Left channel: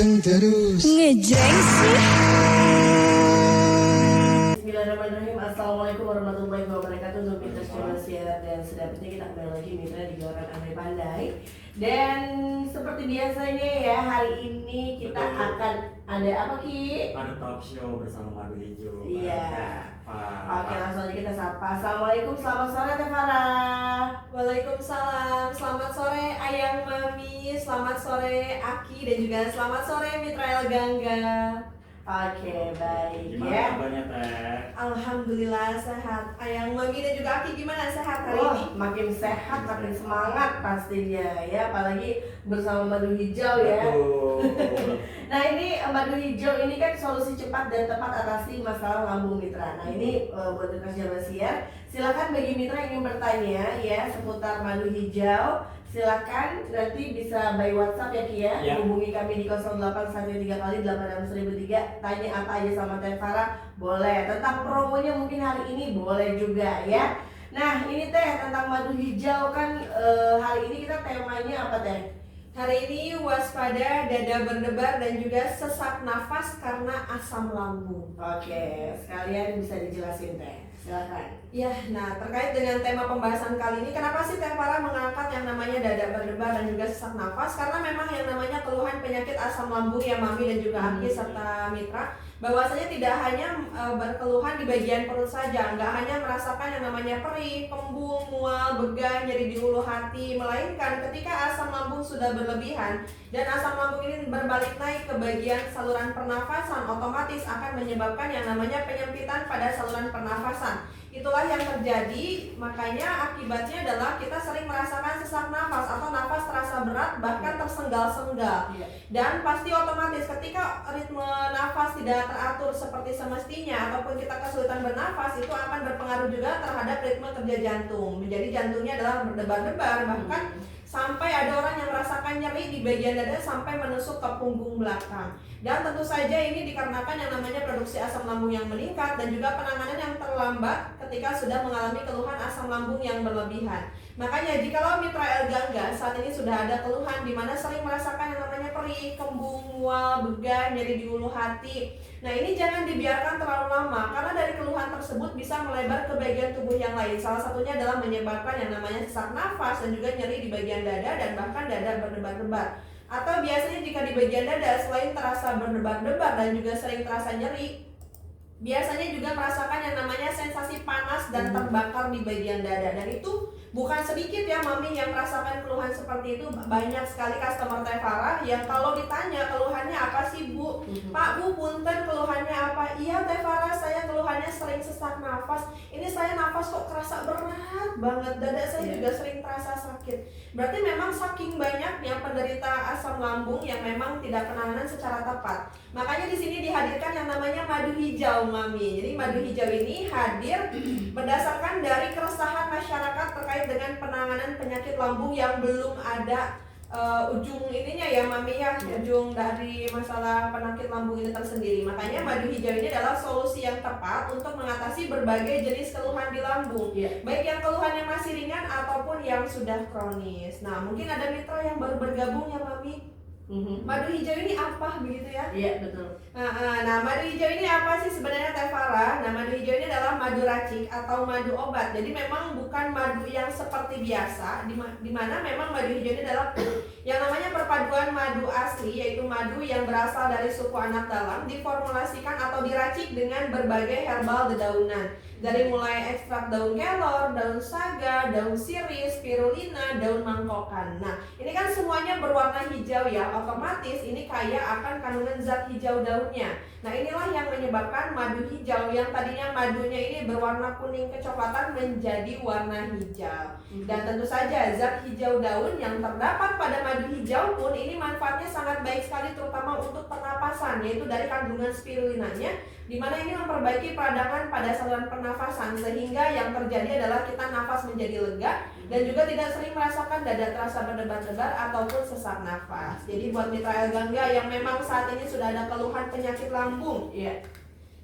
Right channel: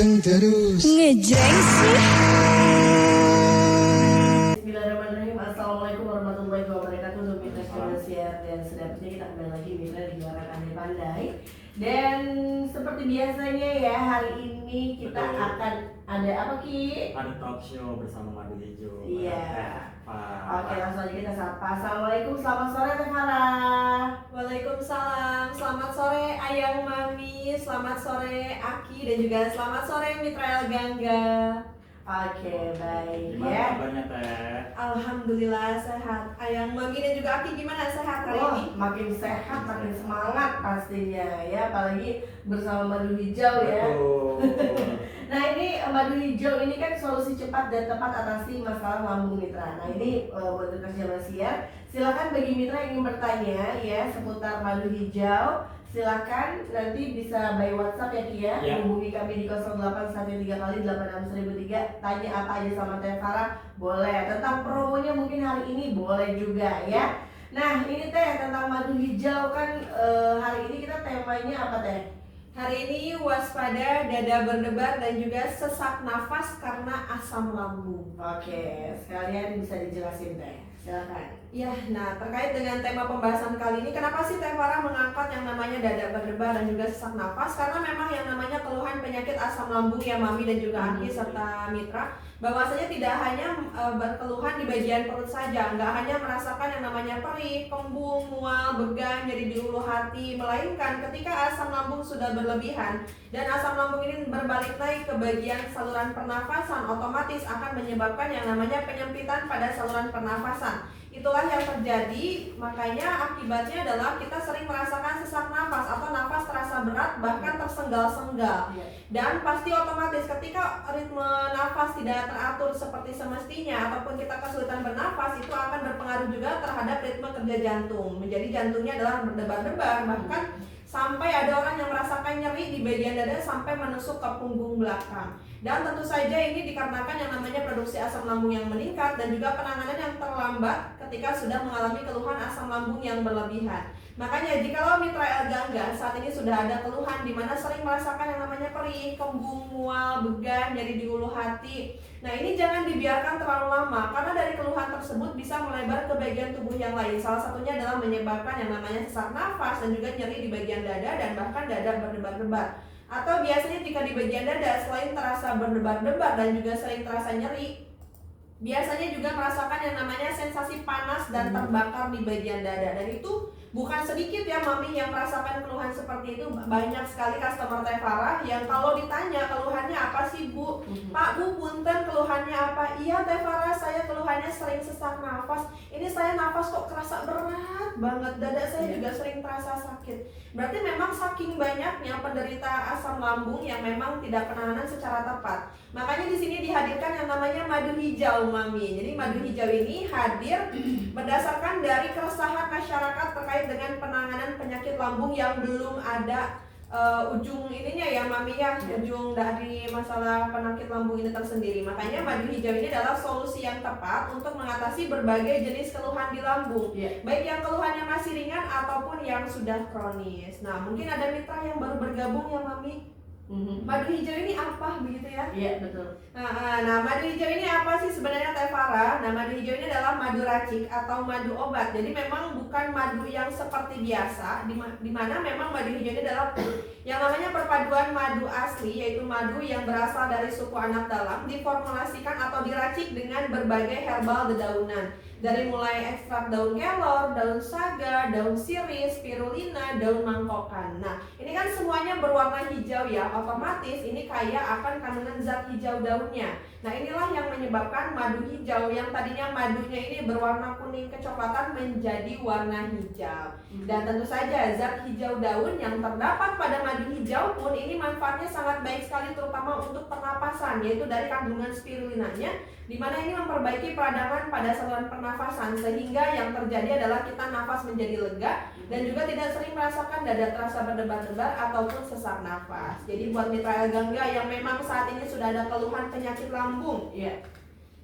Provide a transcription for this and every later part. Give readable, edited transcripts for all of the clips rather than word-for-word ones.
ganteng terus. Ngejreng sih. Bismillahirrahmanirrahim. Assalamualaikum warahmatullahi wabarakatuh. Untuk Mitra Siar dan sedapatnya kita kembali lagi Mitra di Goreng Andre Pandai. Dan seperti biasanya ya, hari ini kita akan ada apa Ki? Ada talk show bersama Madu Hijau. Iya. Oke, langsung aja kita sapa. Assalamualaikum, selamat sore Teh Farah. Waalaikumsalam, selamat sore Ayang Mami, selamat sore Aki, dan juga selamat sore Mitra El Gangga. Oke, baik Gimana ya. kabarnya Teh? Alhamdulillah sehat. Ayang Mami dan juga Aki gimana, sehat hari Wah, ini? makin sehat, makin semangat pastinya ya, apalagi bersama madu hijau ya. Betul. Nah ini madu hijau ini kan solusi cepat dan tepat atasi masalah lambung mitra. Nah ini buat Mitra Siar, silakan bagi mitra yang ingin bertanya ya seputar madu hijau, silakan nanti bisa by WhatsApp ya Ki ya. Ya. Hubungi kami di 0813 kali 86003. Tanya apa aja sama Teh Farah, boleh. Tentang promonya mungkin hari ini boleh juga ya. Nah ini Teh tentang madu hijau kan hari ini kita temanya apa Teh? Hari ini waspada dada berdebar dan juga sesak nafas karena asam lambung. Oke, sekalian bisa dijelasin Teh, silakan. Ya, nah terkait dengan tema pembahasan kali ini, kenapa sih Teh Farah mengangkat yang namanya dada berdebar dan juga sesak nafas? Karena memang yang namanya keluhan penyakit asam lambung ya Mami dan juga Aki serta Mitra, bahwasanya tidak hanya berkeluhan di bagian perut saja, nggak hanya merasakan yang namanya perih, kembung, mual, began, nyeri di ulu hati, melainkan ketika asam lambung sudah berlebihan dan asam lambung ini berbalik naik ke bagian saluran pernafasan, otomatis akan menyebabkan yang namanya penyempitan pada saluran pernafasan. Itulah yang terjadi, makanya akibatnya adalah kita sering merasakan sesak nafas atau nafas terasa berat bahkan tersengal-sengal. Dan pasti otomatis ketika ritme nafas tidak teratur seperti semestinya ataupun kita kesulitan bernafas, itu akan berpengaruh juga terhadap ritme kerja jantung. Menjadi jantungnya adalah berdebar-debar, bahkan sampai ada orang yang merasakan nyeri di bagian dada sampai menusuk ke punggung belakang. Dan tentu saja ini dikarenakan yang namanya produksi asam lambung yang meningkat dan juga penanganan yang terlambat ketika sudah mengalami keluhan asam lambung yang berlebihan. Makanya jikalau Mitra El Gangga saat ini sudah ada keluhan di mana sering merasakan yang namanya perih, kembung, mual, began, nyeri di ulu hati. Nah ini jangan dibiarkan terlalu lama karena dari keluhan tersebut bisa melebar ke bagian tubuh yang lain. Salah satunya adalah menyebabkan yang namanya sesak nafas dan juga nyeri di bagian dada dan bahkan dada berdebar-debar. Atau biasanya jika di bagian dada selain terasa berdebar-debar dan juga sering terasa nyeri, biasanya juga merasakan yang namanya sensasi panas dan terbakar di bagian dada. Dan itu bukan sedikit ya Mami yang merasakan keluhan seperti itu. Banyak sekali customer Teh Farah yang kalau ditanya keluhannya apa sih Bu? Pak Bu punten keluhannya apa? Iya Teh Farah, saya keluhannya sering sesak nafas. Ini saya nafas kok kerasa berat banget. Dada saya juga sering terasa sakit. Berarti memang saking banyaknya penderita asam lambung yang memang tidak penanganan secara tepat. Makanya di sini dihadirkan yang namanya madu hijau Mami. Jadi madu hijau ini hadir berdasarkan dari keresahan masyarakat terkait dengan penanganan penyakit lambung yang belum ada ujung ininya ya Mami ya, ujung dari masalah penyakit lambung ini tersendiri. Makanya madu hijau ini adalah solusi yang tepat untuk mengatasi berbagai jenis keluhan di lambung, baik yang keluhannya masih ringan ataupun yang sudah kronis. Nah mungkin ada mitra yang baru bergabung ya Mami. Madu hijau ini apa begitu ya? Iya betul. Nah, madu hijau ini apa sih sebenarnya Teh Farah? Nah, madu hijau ini adalah madu racik atau madu obat. Jadi memang bukan madu yang seperti biasa, di mana memang madu hijau ini adalah yang namanya perpaduan madu asli, yaitu madu yang berasal dari suku anak dalam, diformulasikan atau diracik dengan berbagai herbal dedaunan. Dari mulai ekstrak daun kelor, daun saga, daun sirih, spirulina, daun mangkokan. Nah, ini kan semuanya berwarna hijau ya, otomatis ini kaya akan kandungan zat hijau daunnya. Nah, inilah yang menyebabkan madu hijau yang tadinya madunya ini berwarna kuning kecoklatan menjadi warna hijau. Dan tentu saja zat hijau daun yang terdapat pada madu hijau pun ini manfaatnya sangat baik sekali, terutama untuk pernapasan, yaitu dari kandungan spirulinanya, di mana ini memperbaiki peradangan pada saluran pernafasan sehingga yang terjadi adalah kita nafas menjadi lega dan juga tidak sering merasakan dada terasa berdebar-debar ataupun sesak nafas. Jadi buat Mitra El Gangga yang memang saat ini sudah ada keluhan penyakit lambung,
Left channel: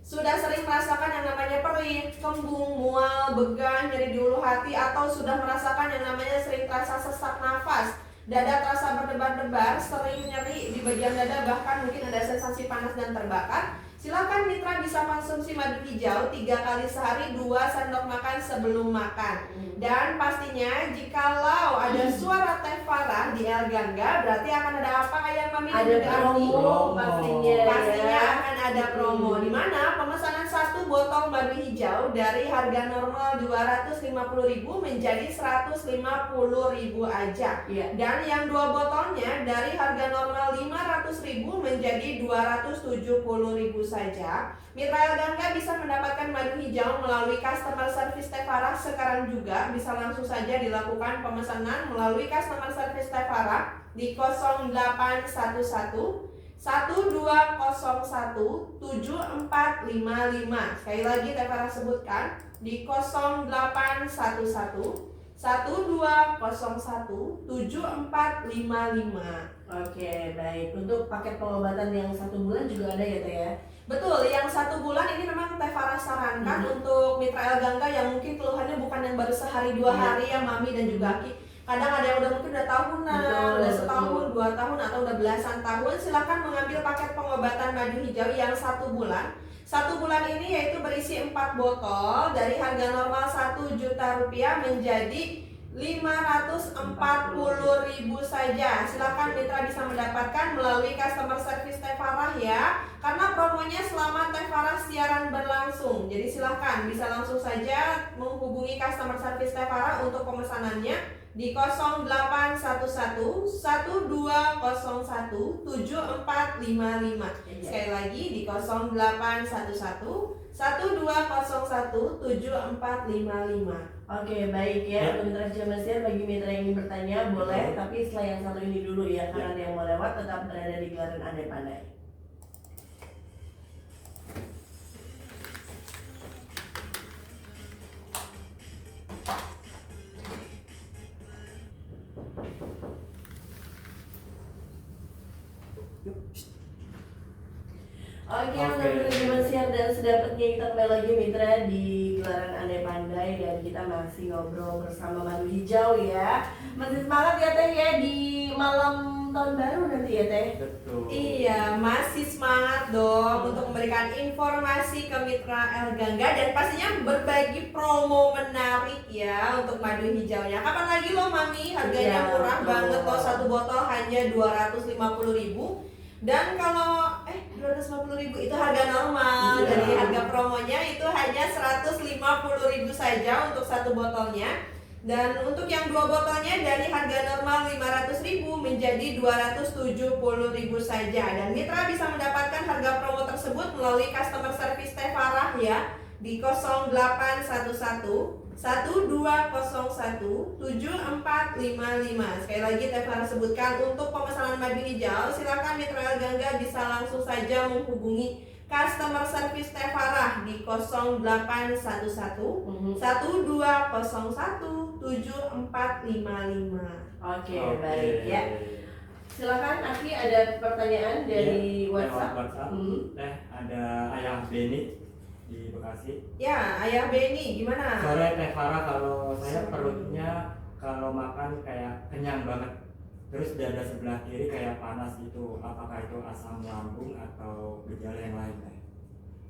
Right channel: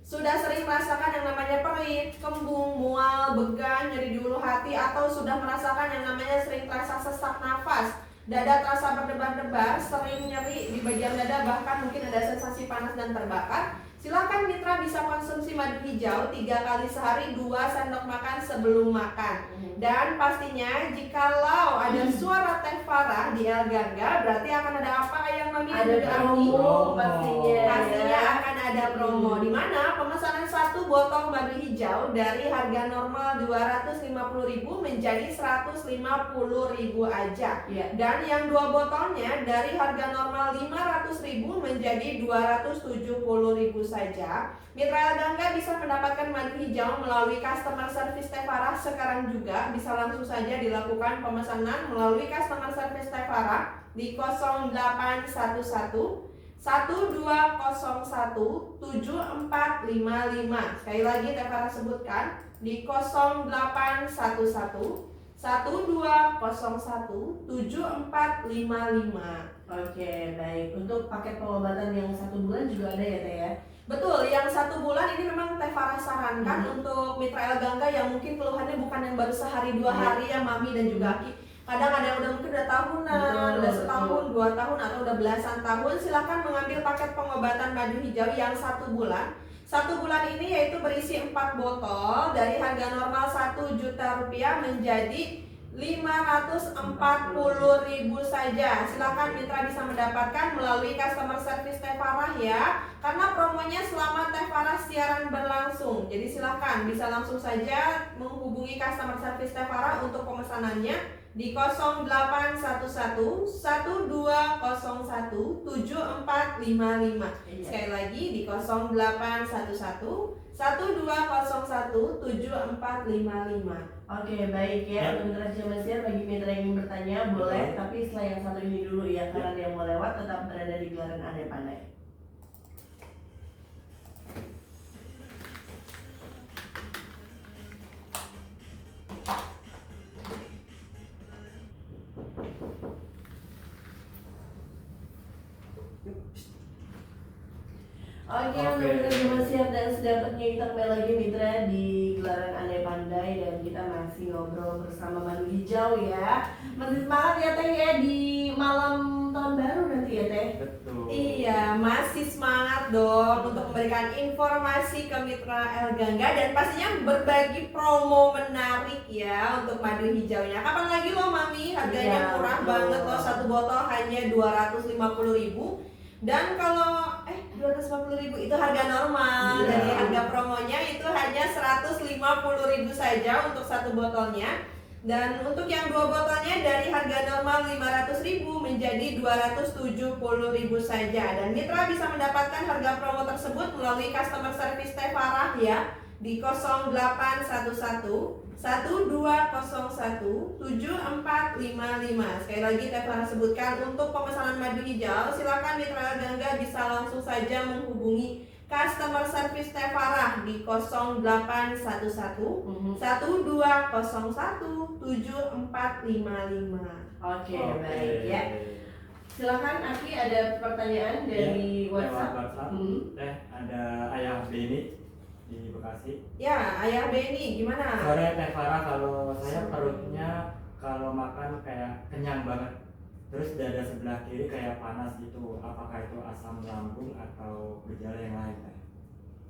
sudah sering merasakan yang namanya perih, kembung, mual, began, nyeri di ulu hati, atau sudah merasakan yang namanya sering terasa sesak nafas, dada terasa berdebar-debar, sering nyeri di bagian dada, bahkan mungkin ada sensasi panas dan terbakar, silakan mitra bisa konsumsi madu hijau 3 kali sehari, 2 sendok makan sebelum makan. Dan pastinya jikalau ada suara Teh Farah di El Gangga, berarti akan ada apa Ayang Mami? Ada promo pastinya. Pastinya akan ada promo, di mana pemesanan 1 botol madu hijau dari harga normal 250.000 menjadi 150.000 aja. Iya. Dan yang 2 botolnya dari harga normal 500.000 menjadi 270.000 saja. Mitra El Gangga bisa mendapatkan madu hijau melalui customer service Teh Farah sekarang juga. Bisa langsung saja dilakukan pemesanan melalui customer service Teh Farah di 0811 1201 7455. Sekali lagi Teh Farah sebutkan di 0811 1201 7455. Oke, baik. Untuk paket pengobatan yang 1 bulan juga ada ya, Teh ya? Betul, yang 1 bulan ini memang Teh Farah sarankan untuk mitra El Gangga yang mungkin keluhannya bukan yang baru sehari 2 hari ya Mami dan juga Aki. Kadang ada yang udah mungkin udah tahunan, udah setahun, 2 tahun atau udah belasan tahun. Silakan mengambil paket pengobatan madu hijau yang 1 bulan. 1 bulan ini yaitu berisi 4 botol dari harga normal 1 juta rupiah menjadi 540.000 saja. Silakan mitra bisa mendapatkan melalui customer service Teh Farah ya. Karena promonya selama Teh Farah siaran berlangsung. Jadi silakan bisa langsung saja menghubungi customer service Teh Farah untuk pemesanannya di 0811 1201 7455. Sekali lagi di 0811 1201 7455. Oke, baik ya. Untuk mitra Cilemas Siar, bagi mitra yang ingin bertanya boleh, tapi setelah yang satu ini dulu ya, karena ada yang mau lewat tetap berada di gelaran Andai Pandai. Oke, untuk mitra Cilemas Siar dan sedapatnya kita kembali lagi mitra di gelaran Andai Pandai dan kita masih ngobrol bersama Madu Hijau ya. Masih semangat ya Teh ya di malam tahun baru nanti ya Teh. Betul. Iya, masih semangat dong untuk memberikan informasi ke mitra El Gangga dan pastinya berbagi promo menarik ya untuk madu hijaunya. Kapan lagi loh Mami? Harganya murah banget loh, 1 botol hanya 250.000. Dan kalau 250.000 itu harga normal. Jadi harga promonya itu hanya 150.000 saja untuk 1 botolnya. Dan untuk yang 2 botolnya dari harga normal 500.000 menjadi 270.000 saja. Dan mitra bisa mendapatkan harga promo tersebut melalui customer service Teh Farah ya di 0811 1201 7455. Sekali lagi Teh Farah sebutkan untuk pemesanan madu hijau silakan mitra El Gangga bisa langsung saja menghubungi customer service Teh Farah di 0811 1201 7455. Oke, baik ya. Silakan Aki, ada pertanyaan dari WhatsApp. Ada Ayah Beni di Bekasi. Ya, Ayah Beni, gimana? Sore Teh Farah, kalau saya perutnya kalau makan kayak kenyang banget. Terus dada sebelah kiri kayak panas gitu. Apakah itu asam lambung atau gejala yang lain?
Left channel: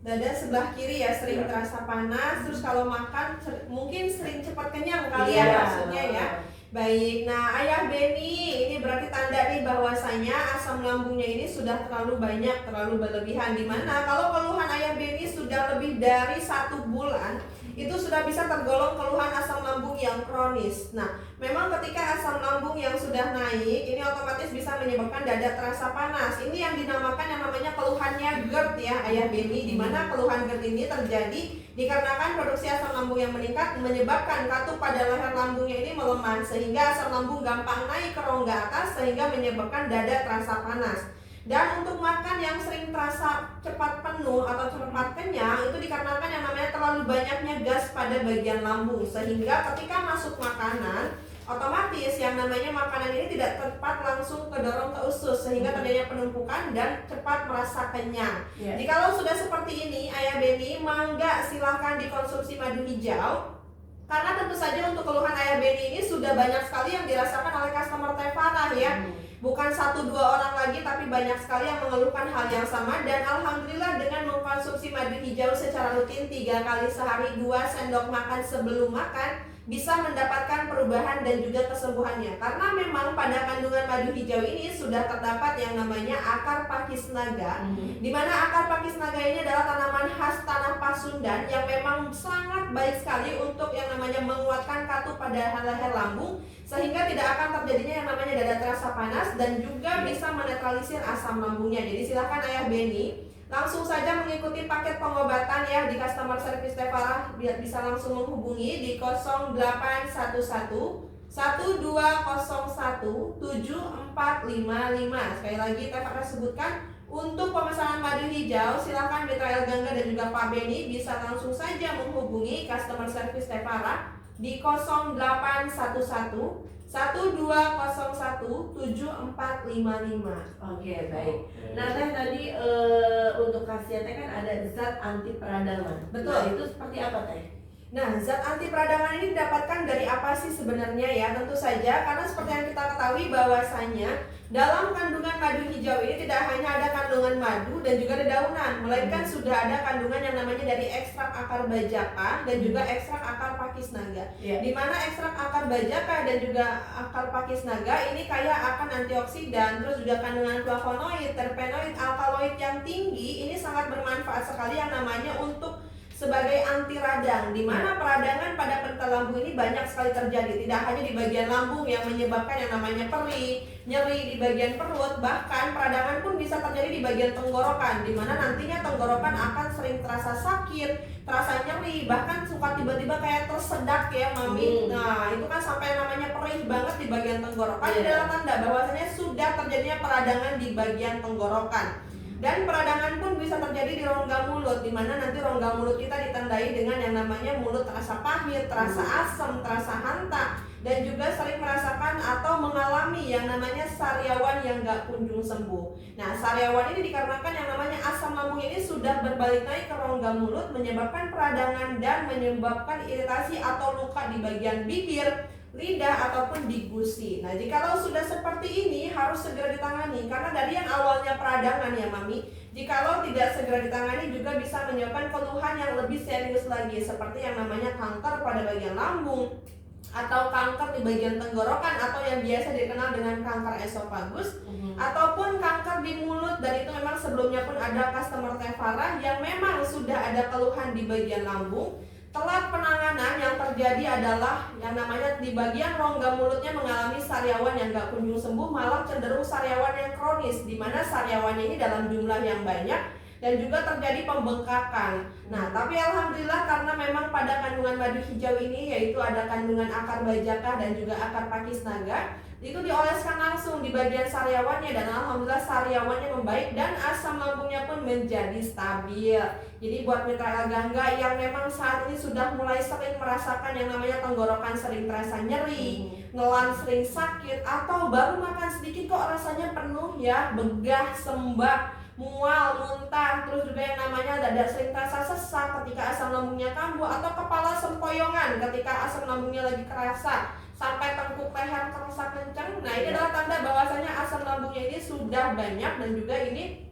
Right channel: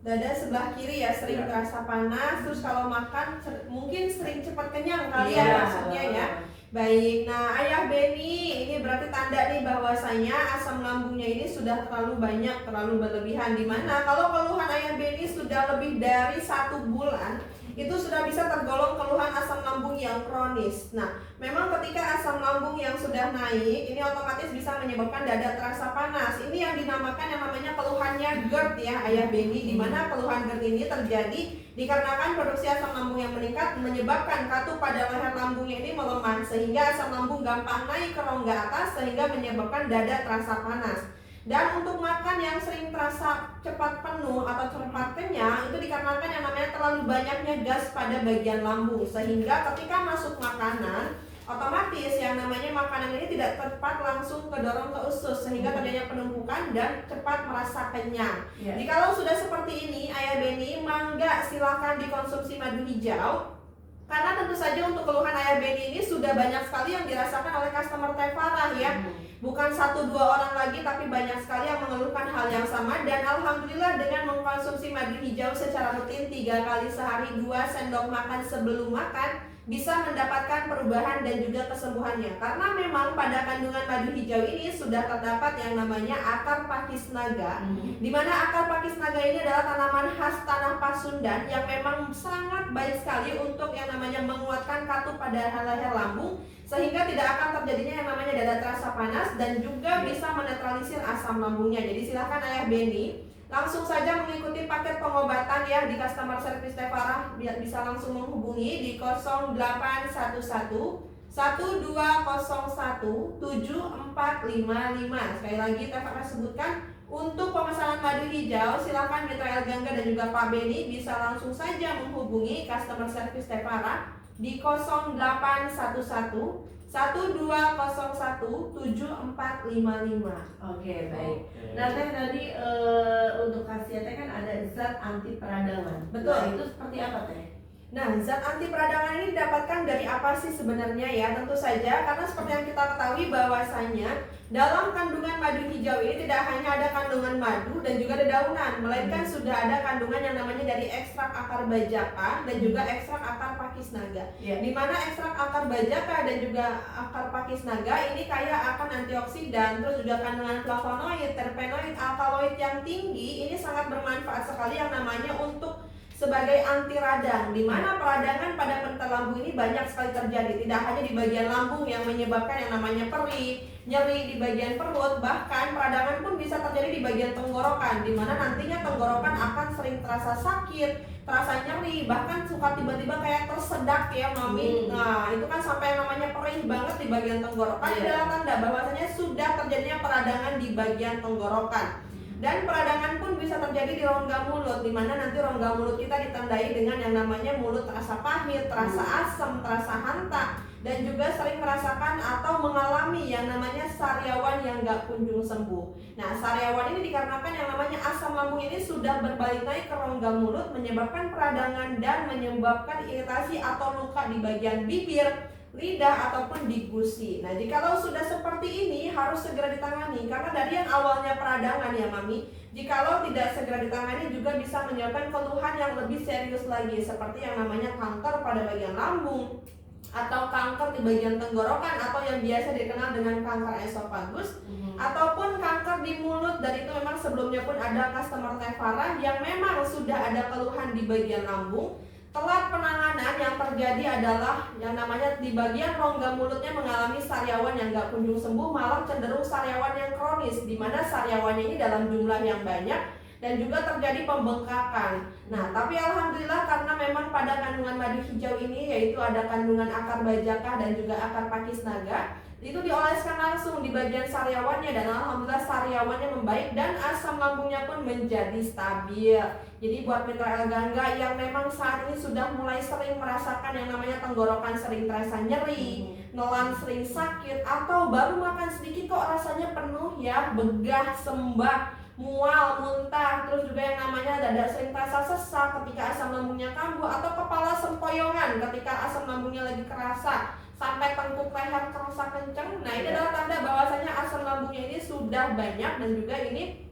Dada sebelah kiri ya sering terasa panas. Terus kalau makan mungkin sering cepat kenyang kali ya maksudnya ya. Baik, nah Ayah Beni, ini berarti tanda nih bahwasanya asam lambungnya ini sudah terlalu banyak, terlalu berlebihan. Dimana kalau keluhan Ayah Beni sudah lebih dari 1 bulan, itu sudah bisa tergolong keluhan asam lambung yang kronis. Nah, memang ketika asam lambung yang sudah naik, ini otomatis bisa menyebabkan dada terasa panas. Ini yang dinamakan yang namanya keluhannya GERD ya Ayah Beni, dimana keluhan GERD ini terjadi dikarenakan produksi asam lambung yang meningkat menyebabkan katup pada leher lambungnya ini melemah sehingga asam lambung gampang naik ke rongga atas sehingga menyebabkan dada terasa panas. Dan untuk makan yang sering terasa cepat penuh atau cepat kenyang itu dikarenakan yang namanya terlalu banyaknya gas pada bagian lambung sehingga ketika masuk makanan otomatis yang namanya makanan ini tidak tepat langsung kedorong ke usus sehingga terjadinya penumpukan dan cepat merasa kenyang. Jikalau sudah seperti ini Ayah Beni, mangga silahkan dikonsumsi madu hijau Karena tentu saja untuk keluhan Ayah Beni ini sudah banyak sekali yang dirasakan oleh customer Teh Farah ya. Bukan 1-2 orang lagi, tapi banyak sekali yang mengeluhkan hal yang sama. Dan alhamdulillah dengan mengkonsumsi madu hijau secara rutin 3 kali sehari, 2 sendok makan sebelum makan, bisa mendapatkan perubahan dan juga kesembuhannya. Karena memang pada kandungan madu hijau ini sudah terdapat yang namanya akar pakis naga, di mana akar pakis naga ini adalah tanaman khas tanah Pasundan yang memang sangat baik sekali untuk yang namanya menguatkan katup pada leher lambung, sehingga tidak akan terjadinya yang namanya dada terasa panas dan juga bisa menetralisir asam lambungnya. Jadi silahkan Ayah Beni langsung saja mengikuti paket pengobatan ya di customer service Teh Farah, bisa langsung menghubungi di 0811 1201 7455. Sekali lagi Teh Farah sebutkan, untuk pemesanan madu hijau silahkan Mitra El Gangga dan juga Pak Beni bisa langsung saja menghubungi customer service Teh Farah di 0811 1201 7455. Oke, baik. Nah, Teh tadi untuk khasiatnya kan ada zat anti peradangan. Betul. Nah, itu seperti apa, Teh? Nah, zat anti peradangan ini didapatkan dari apa sih sebenarnya ya? Tentu saja karena seperti yang kita ketahui bahwasanya dalam kandungan madu hijau ini tidak hanya ada kandungan madu dan juga dedaunan, melainkan sudah ada kandungan yang namanya dari ekstrak akar bajaka dan juga ekstrak akar pakis naga. Di mana ekstrak akar bajaka dan juga akar pakis naga ini kaya akan antioksidan, terus juga kandungan flavonoid, terpenoid, alkaloid yang tinggi. Ini sangat bermanfaat sekali yang namanya untuk sebagai anti radang, di mana peradangan pada pental lambung ini banyak sekali terjadi. Tidak hanya di bagian lambung yang menyebabkan yang namanya perih, nyeri di bagian perut, bahkan peradangan pun bisa terjadi di bagian tenggorokan, di mana nantinya tenggorokan akan sering terasa sakit, terasa nyeri, bahkan suka tiba-tiba kayak tersedak ya Mami. Nah, itu kan sampai yang namanya perih banget di bagian tenggorokan. Ini adalah tanda bahwasanya sudah terjadinya peradangan di bagian tenggorokan. Dan peradangan pun bisa terjadi di rongga mulut, di mana nanti rongga mulut kita ditandai dengan yang namanya mulut terasa pahit, terasa asam, terasa hanta, dan juga sering merasakan atau mengalami yang namanya sariawan yang gak kunjung sembuh. Nah, sariawan ini dikarenakan yang namanya asam lambung ini sudah berbalik naik ke rongga mulut, menyebabkan peradangan dan menyebabkan iritasi atau luka di bagian bibir, lidah ataupun di gusi. Nah, jikalau sudah seperti ini harus segera ditangani, karena dari yang awalnya peradangan ya Mami, jikalau tidak segera ditangani juga bisa menyebabkan keluhan yang lebih serius lagi, seperti yang namanya kanker pada bagian lambung, atau kanker di bagian tenggorokan, atau yang biasa dikenal dengan kanker esofagus, ataupun kanker di mulut. Dan itu memang sebelumnya pun ada customer Teh Farah yang memang sudah ada keluhan di bagian lambung. Telat penanganan yang terjadi adalah yang namanya di bagian rongga mulutnya mengalami sariawan yang gak kunjung sembuh, malah cenderung sariawan yang kronis, di mana sariawannya ini dalam jumlah yang banyak dan juga terjadi pembengkakan. Nah, tapi alhamdulillah karena memang pada kandungan madu hijau ini yaitu ada kandungan akar bajaka dan juga akar pakis naga, itu dioleskan langsung di bagian sariawannya dan alhamdulillah sariawannya membaik dan asam lambungnya pun menjadi stabil. Jadi buat Mitra El Gangga yang memang saat ini sudah mulai sering merasakan yang namanya tenggorokan sering terasa nyeri, nelan sering sakit, atau baru makan sedikit kok rasanya penuh ya, begah, sembab, mual, muntah, terus juga yang namanya dada sering terasa sesak ketika asam lambungnya kambuh, atau kepala sempoyongan ketika asam lambungnya lagi kerasa, sampai tengkuk leher kerasa kencang. Nah, ini adalah tanda bahwasanya asam lambungnya ini sudah banyak dan juga ini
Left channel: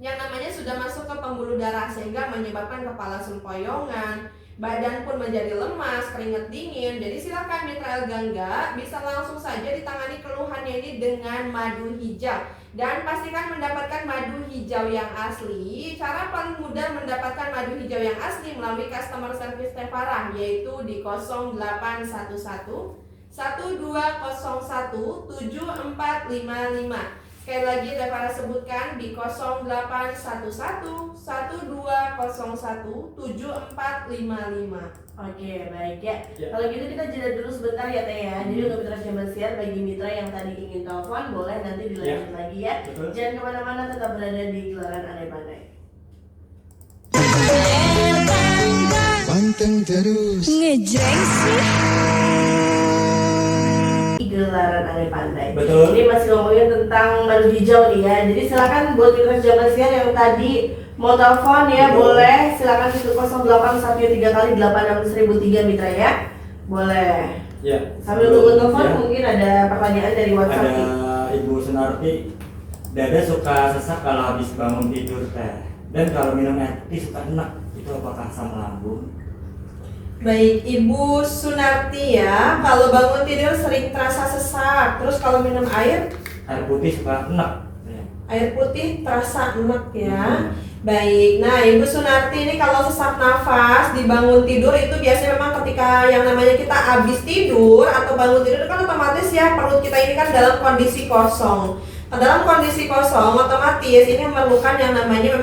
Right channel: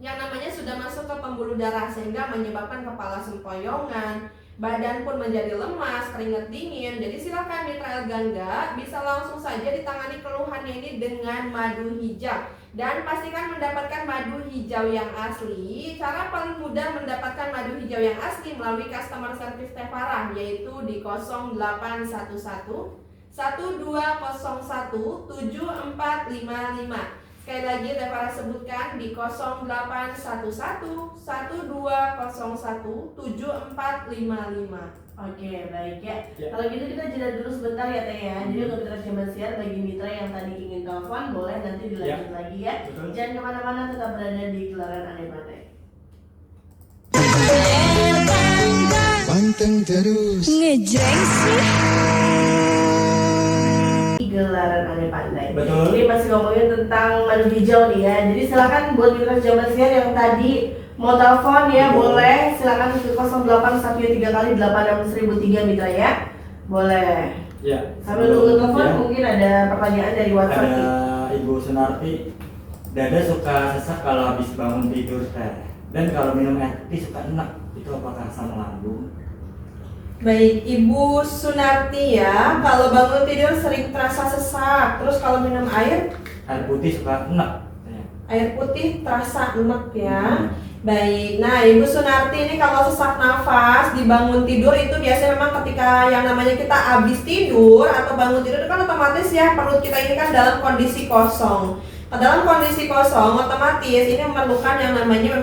yang namanya sudah masuk ke pembuluh darah sehingga menyebabkan kepala sempoyongan, badan pun menjadi lemas, keringat dingin. Jadi silakan Mitra El Gangga bisa langsung saja ditangani keluhannya ini dengan madu hijau. Dan pastikan mendapatkan madu hijau yang asli. Cara paling mudah mendapatkan madu hijau yang asli melalui customer service Teh Farah, yaitu di 0811 1201 7455. Sekali lagi Teh Farah sebutkan di 0811 1201 7455. Oke, baik ya. Kalau gitu kita jeda dulu sebentar ya Teh ya. Jadi untuk Mitra Sahabat Siar, bagi Mitra yang tadi ingin telepon boleh nanti dilanjut lagi ya. Betul. Jangan kemana-mana, tetap berada di Gelaran Aneh Pandai. Panteng terus ngejreng sih. Gelaran Aneh Pandai. Betul. Ini masih ngomongin tentang madu hijau nih ya. Jadi silakan buat Mitra Sahabat Siar yang tadi mau telepon ya, boleh silakan ke 0813 kali 86003 Mitra ya. Boleh. Ya. Sambil nunggu telepon Ya, mungkin ada pertanyaan dari WhatsApp ada nih. Ibu Sunarti, dada suka sesak kalau habis bangun tidur teh, dan kalau minum air putih suka enak, itu apakah asam lambung? Baik, Ibu Sunarti ya, kalau bangun tidur sering terasa sesak, terus kalau minum air Putih suka enak. Ya. air putih terasa enak ya. Baik, nah Ibu Sunarti ini kalau sesak nafas dibangun tidur itu biasanya memang ketika yang namanya kita habis tidur atau bangun tidur kan otomatis ya perut kita ini kan dalam kondisi kosong. Nah, dalam kondisi kosong otomatis ini memerlukan yang namanya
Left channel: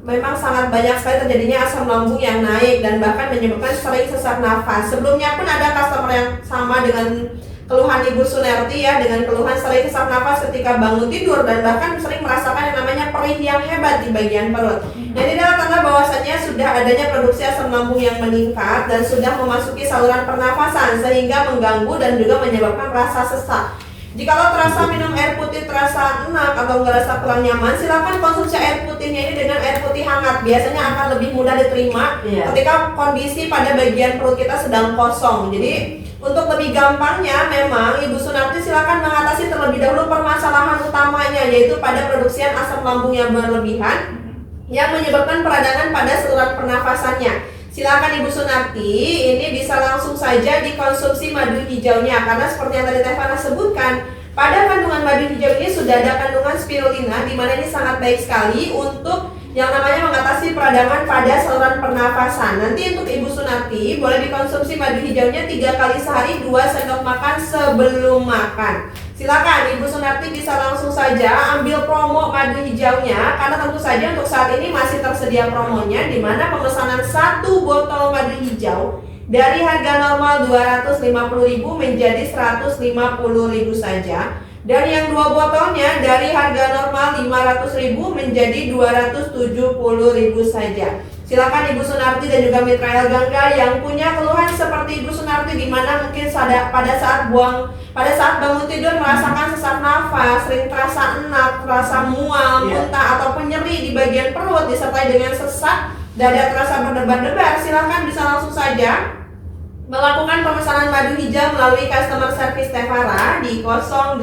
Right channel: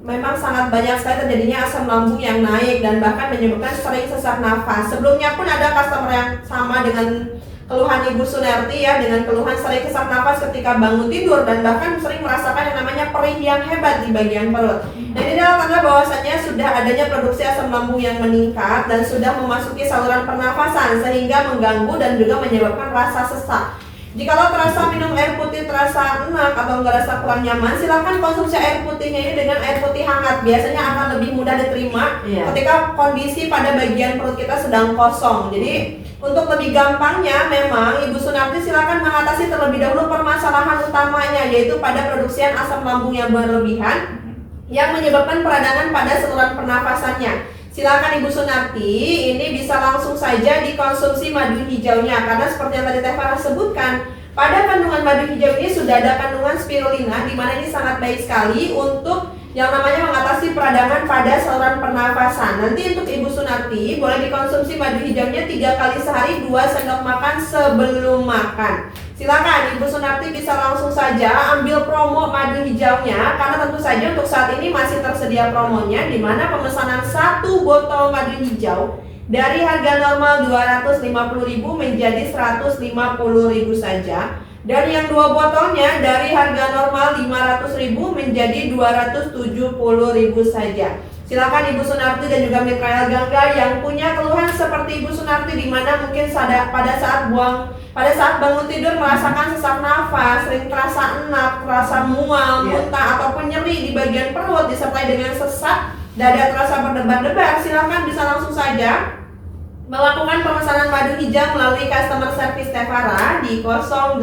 memang sangat banyak sekali terjadinya asam lambung yang naik dan bahkan menyebabkan sering sesak nafas. Sebelumnya pun ada customer yang sama dengan keluhan Ibu Sunarti ya, dengan keluhan sering sesak nafas ketika bangun tidur dan bahkan sering merasakan yang namanya perih yang hebat di bagian perut. Dan ini adalah tanda bahwasanya sudah adanya produksi asam lambung yang meningkat dan sudah memasuki saluran pernafasan sehingga mengganggu dan juga menyebabkan rasa sesak. Jikalau terasa minum air putih terasa enak atau ngerasa kurang nyaman, silakan konsumsi air putihnya ini dengan air putih hangat. Biasanya akan lebih mudah diterima ketika kondisi pada bagian perut kita sedang kosong. Jadi untuk lebih gampangnya memang Ibu Sunarti silakan mengatasi terlebih dahulu permasalahan utamanya, yaitu pada produksian asam lambung yang berlebihan yang menyebabkan peradangan pada saluran pernafasannya. Silakan Ibu Sunarti, ini bisa langsung saja dikonsumsi madu hijaunya karena seperti yang tadi Teh Farah sebutkan, pada kandungan madu hijau ini sudah ada kandungan spirulina di mana ini sangat baik sekali untuk yang namanya mengatasi peradangan pada saluran pernafasan. Nanti untuk Ibu Sunarti boleh dikonsumsi madu hijaunya 3 kali sehari 2 sendok makan sebelum makan. Silakan Ibu Sunarti bisa langsung saja ambil promo madu hijaunya karena tentu saja untuk saat ini masih tersedia promonya di mana pemesanan 1 botol madu hijau dari harga normal 250.000 menjadi 150.000 saja. Dan yang 2 botolnya dari harga normal 500.000 menjadi 270.000 saja. Silakan Ibu Sunarti dan juga Mitra Gangga yang punya keluhan seperti Ibu Sunarti di mana mungkin pada saat bangun tidur merasakan sesak nafas, sering terasa enak, terasa mual, muntah ataupun nyeri di bagian perut disertai dengan sesak, dada terasa berdebar-debar, silakan bisa langsung saja melakukan pemesanan madu hijau melalui customer service Teh Farah di 0811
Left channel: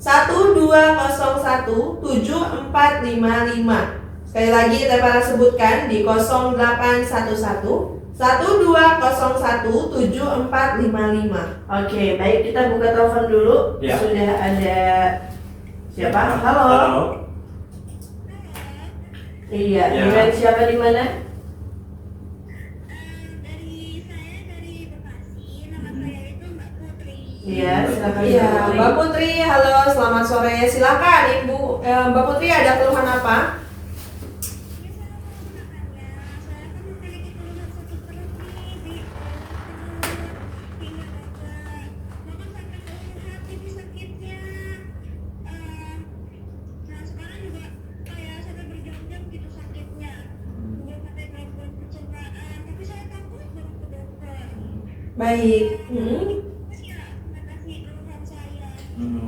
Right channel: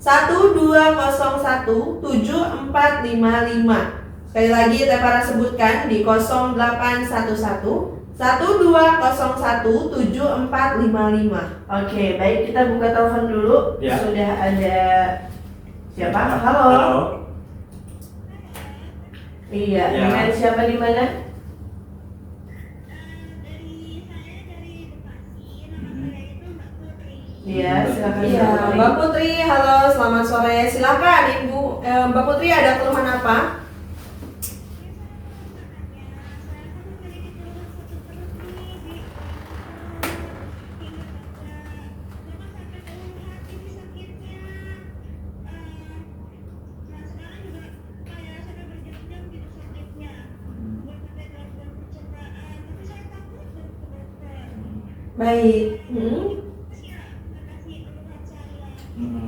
1201 7455. Sekali lagi Teh Farah sebutkan di 0811 1201 7455. Oke, baik, kita buka telepon dulu. Ya. Sudah ada siapa? Halo. Iya, Ya. dengan siapa di mana? Iya, silakan. Iya, Mbak Putri. Mbak Putri, halo, selamat sore. Silakan Ibu, Mbak Putri ada keluhan apa? Baik.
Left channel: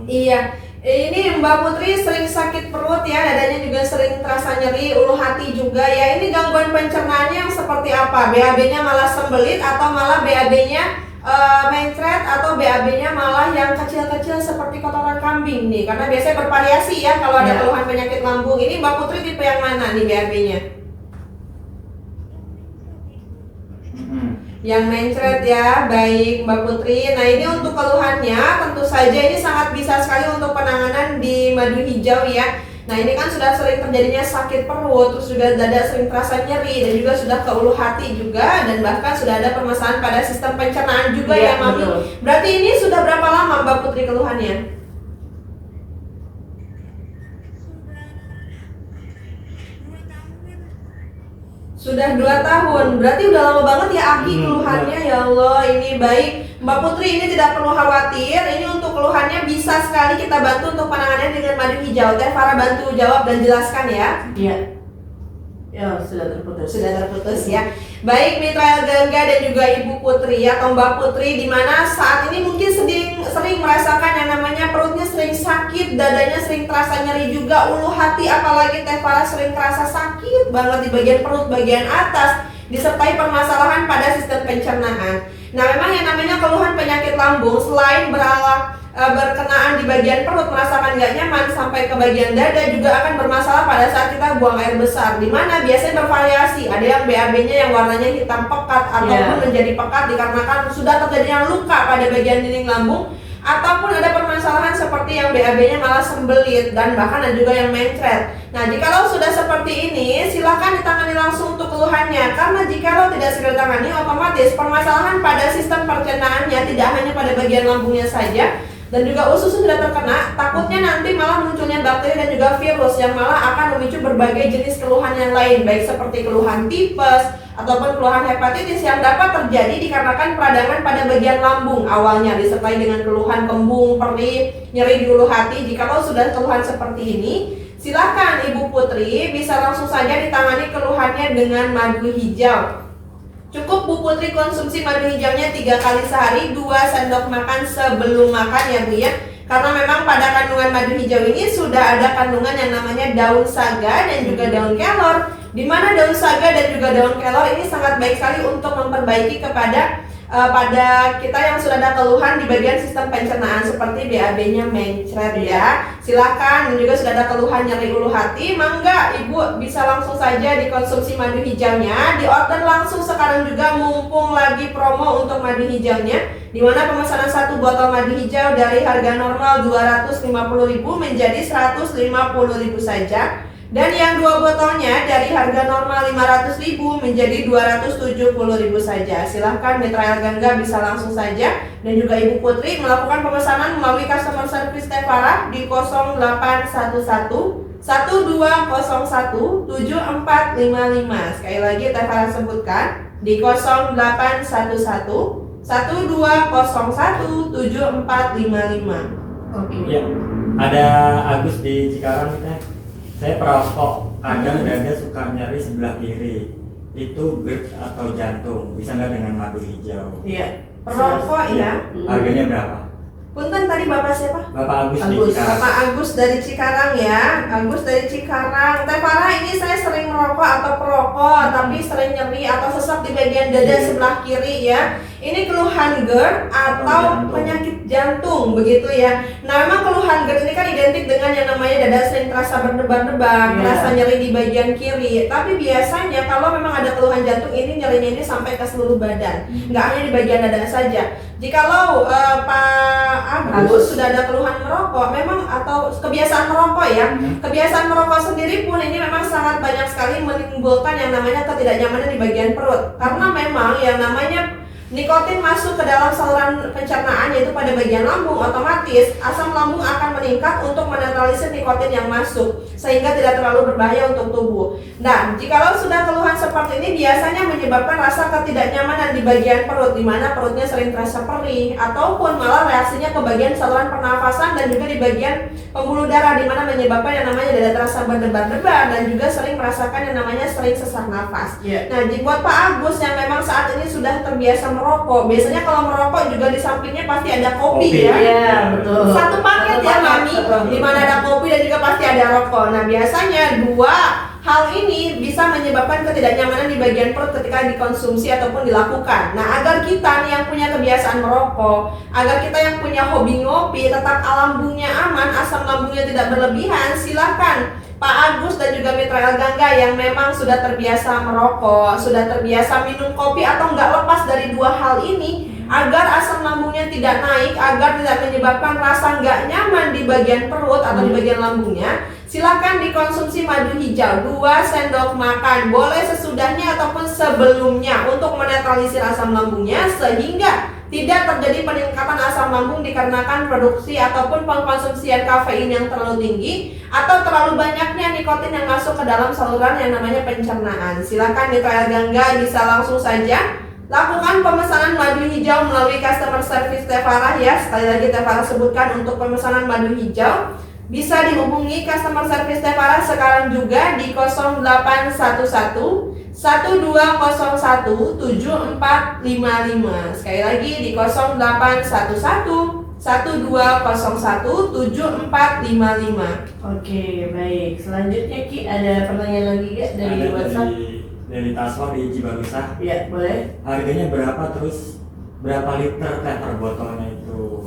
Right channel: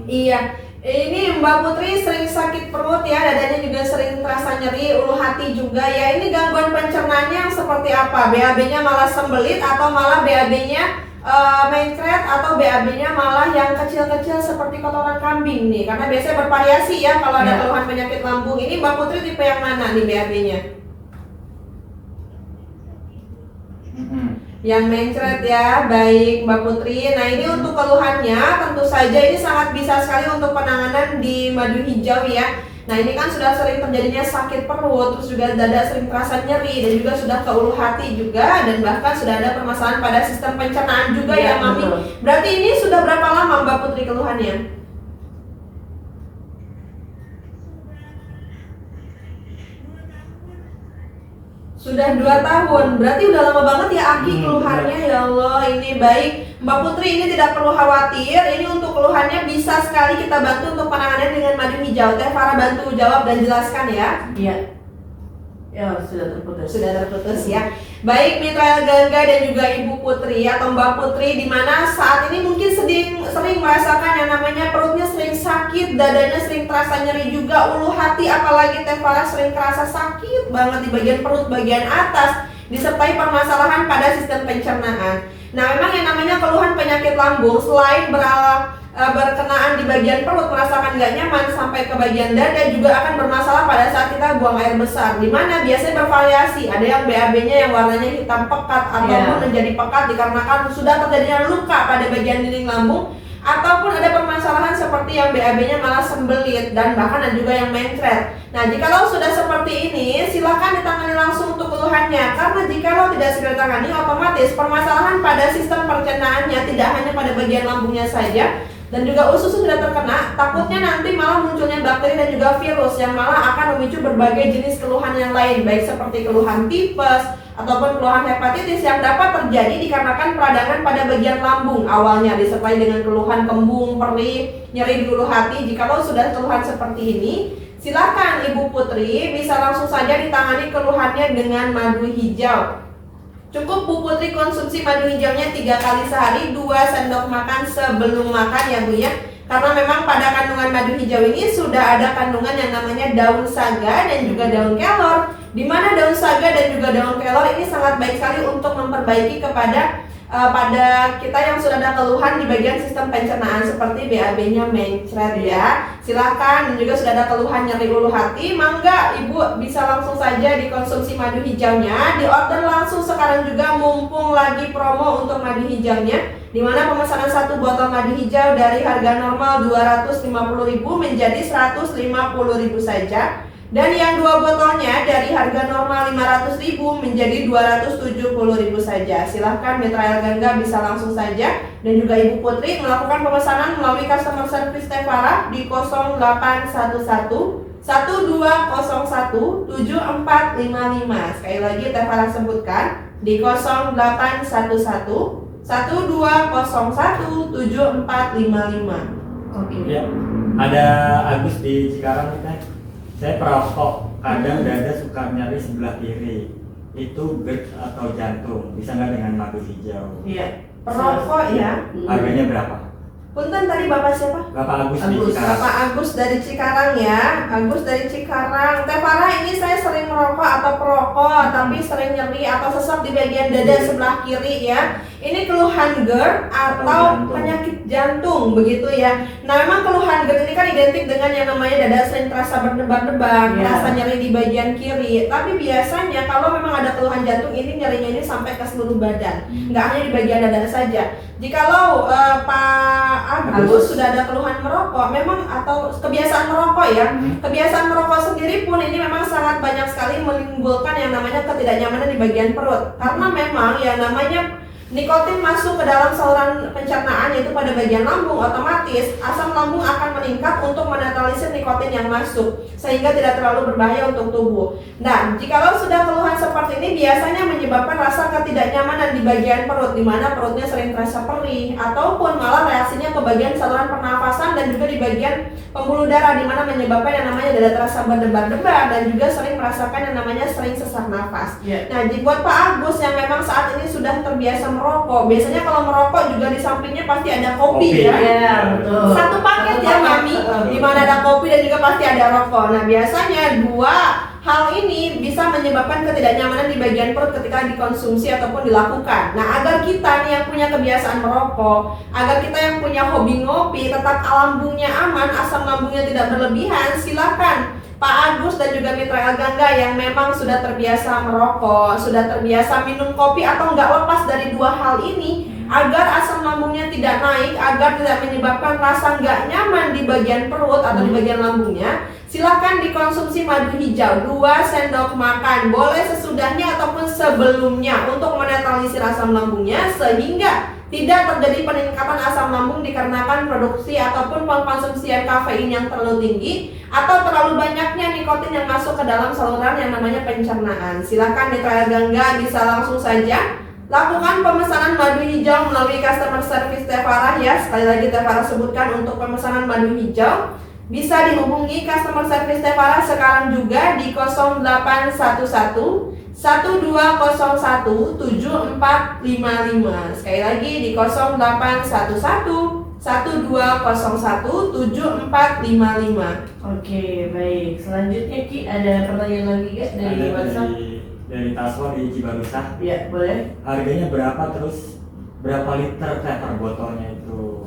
Iya, ini Mbak Putri sering sakit perut ya, dadanya juga sering terasa nyeri, ulu hati juga ya. Ini gangguan pencernaannya yang seperti apa? BAB-nya malah sembelit atau malah BAB-nya mencret atau BAB-nya malah yang kecil-kecil seperti kotoran kambing nih? Karena biasanya bervariasi ya kalau ada keluhan penyakit lambung. Ini Mbak Putri tipe yang mana nih BAB-nya? Yang mencret ya, baik Mbak Putri. Nah ini untuk keluhannya tentu saja ini sangat bisa sekali untuk penanganan di madu hijau ya. Nah ini kan sudah sering terjadinya sakit perut, terus juga dada sering terasa nyeri dan juga sudah ke ulu hati juga dan bahkan sudah ada permasalahan pada sistem pencernaan juga ya Mami. Betul. Berarti ini sudah berapa lama Mbak Putri keluhannya? Sudah 2 tahun, berarti udah lama banget ya Aki keluhannya. Ya Allah, ini baik Mbak Putri, ini tidak perlu khawatir. Ini untuk keluhannya bisa sekali kita bantu untuk penanganan dengan madu hijau. Teh Farah bantu jawab dan jelaskan ya. Iya. Ya, sudah terputus. Sudah terputus ya. Baik Mitra Gangga dan juga Ibu Putri atau Mbak Putri, di mana saat ini mungkin sering merasakan yang namanya perutnya sering sakit, dadanya sering terasa nyeri juga, ulu hati apalagi Teh Farah sering terasa sakit banget di bagian perut bagian atas. disertai permasalahan pada sistem pencernaan. Nah, memang yang namanya keluhan penyakit lambung selain berkenaan di bagian perut, merasakan gak nyaman sampai ke bagian dada, juga akan bermasalah pada saat kita buang air besar, di mana biasanya bervariasi. Ada yang BAB-nya yang warnanya hitam pekat ataupun menjadi pekat dikarenakan sudah terjadinya luka pada bagian dinding lambung, ataupun ada permasalahan seperti yang BAB-nya malah sembelit dan bahkan ada juga yang mencret. Nah, jikalau sudah seperti ini, silakan ditangani langsung untuk keluhannya, karena jikalau tidak segera ditangani, otomatis permasalahan pada sistem pencernaannya tidak hanya pada bagian lambungnya saja, dan juga usus sudah terkena, takutnya nanti malah munculnya bakteri dan juga virus yang malah akan memicu berbagai jenis keluhan yang lain, baik seperti keluhan tipes ataupun keluhan hepatitis yang dapat terjadi dikarenakan peradangan pada bagian lambung awalnya, disertai dengan keluhan kembung, perih, nyeri di ulu hati. Jikalau sudah keluhan seperti ini, silakan Ibu Putri bisa langsung saja ditangani keluhannya dengan madu hijau. Cukup Bu Putri konsumsi madu hijaunya 3 kali sehari, 2 sendok makan sebelum makan ya Bu ya. Karena memang pada kandungan madu hijau ini sudah ada kandungan yang namanya daun saga dan juga daun kelor, di mana daun saga dan juga daun kelor ini sangat baik sekali untuk memperbaiki kepada pada kita yang sudah ada keluhan di bagian sistem pencernaan seperti BAB-nya mencret ya. Silakan, dan juga sudah ada keluhan nyeri ulu hati, mangga Ibu bisa langsung saja dikonsumsi madu hijaunya. Di order langsung sekarang juga, mumpung lagi promo untuk madu hijaunya, di mana pemesanan 1 botol madu hijau dari harga normal 250.000 menjadi 150.000 saja. Dan yang 2 botolnya dari harga normal 500.000 menjadi 270.000 saja. Silahkan Mitra El Gangga bisa langsung saja, dan juga Ibu Putri melakukan pemesanan melalui customer service Tevara di 0811 1201 7455. Sekali lagi Tevara sebutkan di 0811 1201 7455. Oke. Ya, ada Agus di Cikarang kan. Saya perokok, kadang dada suka nyeri sebelah kiri. Itu GERD atau jantung, bisa nggak dengan madu hijau? Iya, perokok ya. Harganya berapa? Punten tadi Bapak siapa? Bapak Agus di Agus. Cikarang. Bapak Agus dari Cikarang ya. Agus dari Cikarang. Tevara, ini saya sering merokok atau perokok, tapi sering nyeri atau sesak di bagian dada sebelah kiri ya. Ini keluhan GERD atau penyakit jantung begitu ya. Nah, memang keluhan GERD ini kan identik dengan yang namanya dada sering terasa berdebar-debar, terasa nyeri di bagian kiri. Tapi biasanya kalau memang ada keluhan jantung ini, nyerinya ini sampai ke seluruh badan, nggak hanya di bagian dada saja. Jikalau Pak Agus sudah ada keluhan merokok, memang atau kebiasaan merokok ya, kebiasaan merokok sendiri pun ini memang sangat banyak sekali menimbulkan yang namanya ketidaknyamanan di bagian perut. Karena memang yang namanya nikotin masuk ke dalam saluran pencernaan, yaitu pada bagian lambung, otomatis asam lambung akan meningkat untuk menetralisir nikotin yang masuk, sehingga tidak terlalu berbahaya untuk tubuh. Nah, jikalau sudah keluhan seperti ini, biasanya menyebabkan rasa ketidaknyamanan di bagian perut, di mana perutnya sering terasa perih, ataupun malah reaksinya ke bagian saluran pernafasan dan juga di bagian pembuluh darah, di mana menyebabkan yang namanya dada terasa berdebar-debar dan juga sering merasakan yang namanya sering sesak nafas. Nah, buat Pak Agus yang memang saat ini sudah terbiasa merokok, biasanya kalau merokok juga di sampingnya pasti ada kopi ya. Iya, betul. Satu paket ya Mami, di mana ada kopi dan juga pasti ada rokok. Nah, biasanya 2 hal ini bisa menyebabkan ketidaknyamanan di bagian perut ketika dikonsumsi ataupun dilakukan. Nah, agar kita nih yang punya kebiasaan merokok, agar kita yang punya hobi ngopi, tetap lambungnya aman, asam lambungnya tidak berlebihan, silakan Pak Agus dan juga Mitra El Gangga yang memang sudah terbiasa merokok, sudah terbiasa minum kopi atau nggak lepas dari 2 hal ini, agar asam lambungnya tidak naik, agar tidak menyebabkan rasa nggak nyaman di bagian perut atau di bagian lambungnya, silakan dikonsumsi madu hijau 2 sendok makan, boleh sesudahnya ataupun sebelumnya untuk menetralisir asam lambungnya, sehingga tidak terjadi peningkatan asam lambung dikarenakan produksi ataupun pengkonsumsian kafein yang terlalu tinggi atau terlalu banyaknya nikotin yang masuk ke dalam saluran yang namanya pencernaan. Silakan Mitra El Gangga bisa langsung saja lakukan pemesanan madu hijau melalui customer service Tevara ya. Sekali lagi Tevara sebutkan untuk pemesanan madu hijau bisa dihubungi customer service Tevara sekarang juga di 0811 1201 7455. Sekali lagi di 0811 1201 7455. Oke, baik. Selanjutnya Ki, ada pertanyaan lagi gak dari Ada WhatsApp? dari dari Taswa di Cibarusah. Iya, boleh. Harganya berapa, terus berapa liter teh per botolnya itu?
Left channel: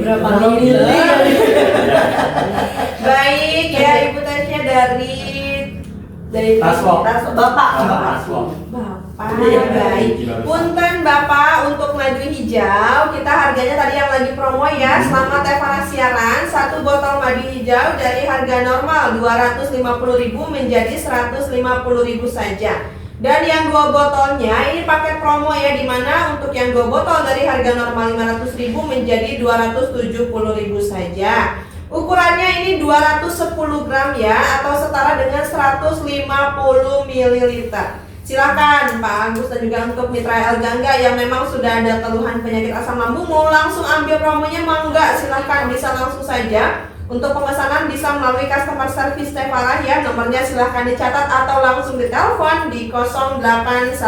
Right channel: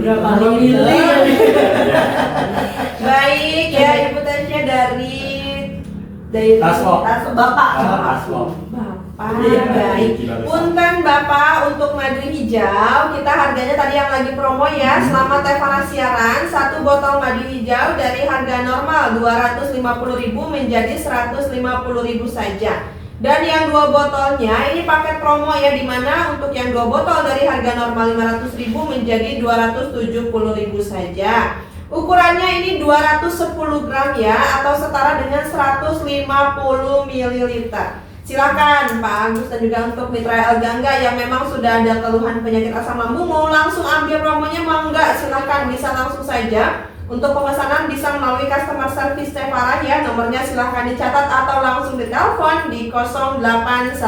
Berapa mili? Ya. Baik ya, Ibu Tasya dari Taswa. Bapak. Taswa. Bapak, Iya, baik. Cibarusah. Punten Bapak, untuk madu hijau kita harganya tadi yang lagi promo ya. Selama Tevara siaran, satu botol madu hijau dari harga normal 250.000 menjadi 150.000 saja. Dan yang 2 botolnya ini paket promo ya, dimana untuk yang 2 botol dari harga normal 500.000 menjadi 270.000 saja. Ukurannya ini 210 gram ya, atau setara dengan 150 ml. Silakan Pak Agus dan juga untuk Mitra El Gangga yang memang sudah ada keluhan penyakit asam lambung, mau langsung ambil promonya mangga, silakan bisa langsung saja. Untuk pemesanan bisa melalui customer service Tevara ya, nomornya silahkan dicatat atau langsung ditelepon di 0811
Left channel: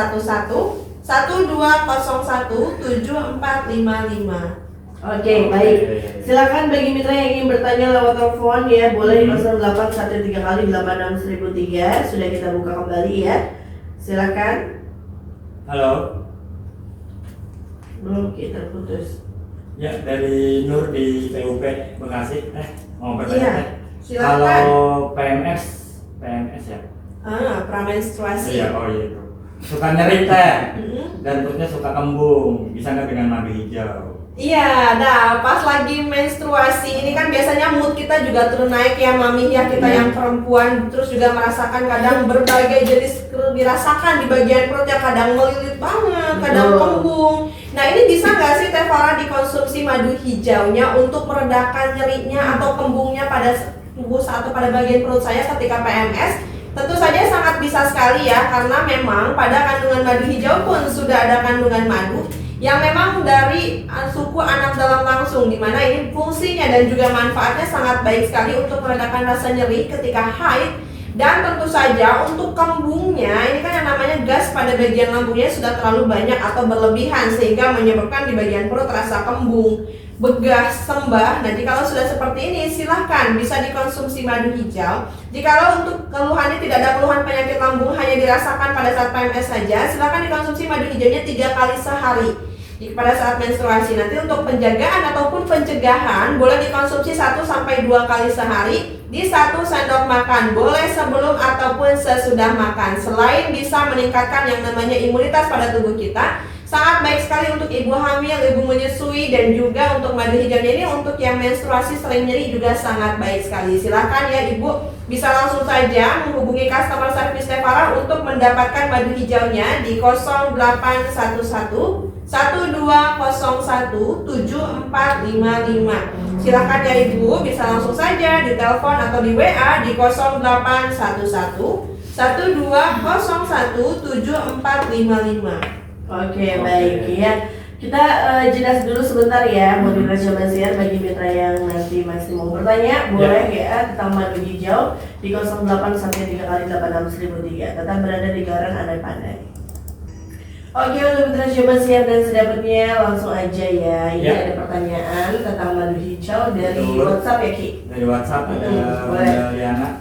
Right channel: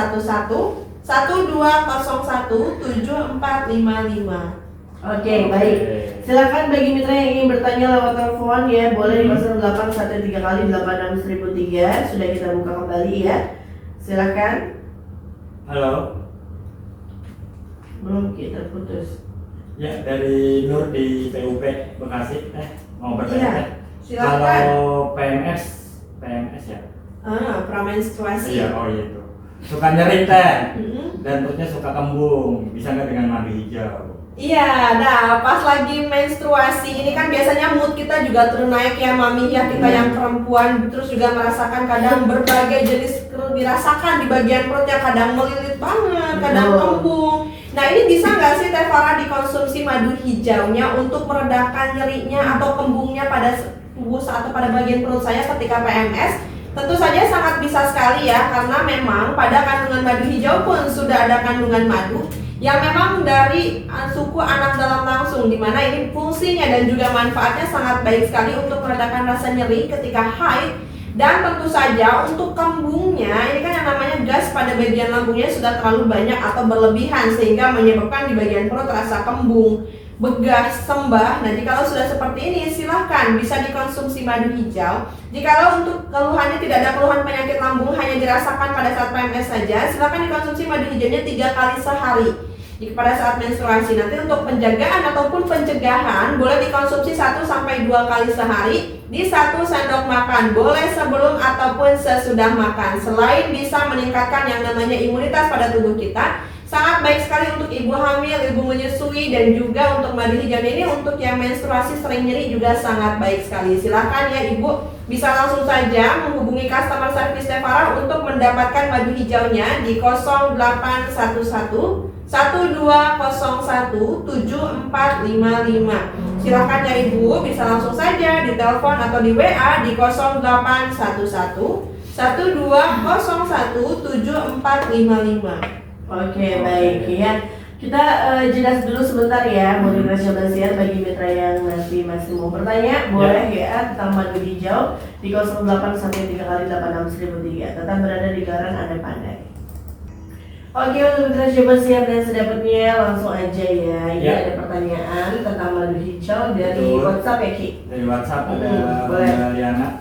1201 7455. Oke, baik. Silakan bagi mitra yang ingin bertanya lewat telepon ya, boleh di 0813 kali 86003. Sudah kita buka kembali ya. Silakan. Halo. Belum, kita putus. Ya, dari Nur di PUP Bekasi. Mau bertanya? Iya, silakan. Kalau PMS ya? Pramenstruasi. Iya, oh iya itu. Suka nyeri teh Mm-mm. dan perutnya suka kembung, bisa nggak dengan madu hijau? Iya, nah pas lagi menstruasi ini kan biasanya mood kita juga turun naik ya Mami ya, kita yang perempuan terus juga merasakan kadang berbagai jenis dirasakan di bagian perut yang kadang melilit banget, kadang kembung. Nah ini bisa nggak sih Tevara dikonsumsi madu hijaunya untuk meredakan nyerinya atau kembungnya pada tubuh atau pada bagian perut saya ketika PMS? Tentu saja sangat bisa sekali ya, karena memang pada kandungan madu hijau pun sudah ada kandungan madu yang memang dari suku anak dalam langsung, dimana ini fungsinya dan juga manfaatnya sangat baik sekali untuk meredakan rasa nyeri ketika haid. Dan tentu saja untuk kembungnya, ini kan yang namanya gas pada bagian lambungnya sudah terlalu banyak atau berlebihan sehingga menyebabkan di bagian perut rasa kembung, begah, sembah. Nah jikalau sudah seperti ini silahkan bisa dikonsumsi madu hijau. Jikalau untuk keluhannya tidak ada keluhan penyakit lambung, hanya dirasakan pada saat PMS saja, silahkan dikonsumsi madu hijaunya 3 kali sehari pada saat menstruasi. Nanti untuk penjagaan ataupun pencegahan boleh dikonsumsi 1-2 kali sehari di 1 sendok makan, boleh sebelum ataupun sesudah makan. Selain bisa meningkatkan yang namanya imunitas pada tubuh kita, sangat baik sekali untuk ibu hamil, ibu menyusui, dan juga untuk madu hijaunya ini untuk yang menstruasi sering nyeri juga sangat baik sekali. Silahkan ya ibu, bisa langsung saja menghubungi customer service Tevara untuk mendapatkan madu hijaunya di 0811 1201 7455. Silahkan ya ibu, bisa langsung saja di telepon atau di WA di 0811 1201 7455. Oke, baik ya. Kita jelas dulu sebentar ya, modul Jaman Siar bagi mitra yang nanti masih mau bertanya, boleh ya tentang madu hijau di 0813 kali 86003. Tetap berada di Garan Anda Pandai. Oke, untuk mitra Jaman Siar dan sedapatnya langsung aja ya. Ini ada pertanyaan tentang madu hijau dari Betul. WhatsApp ya Ki? Dari WhatsApp ada boleh. Bunda Liana.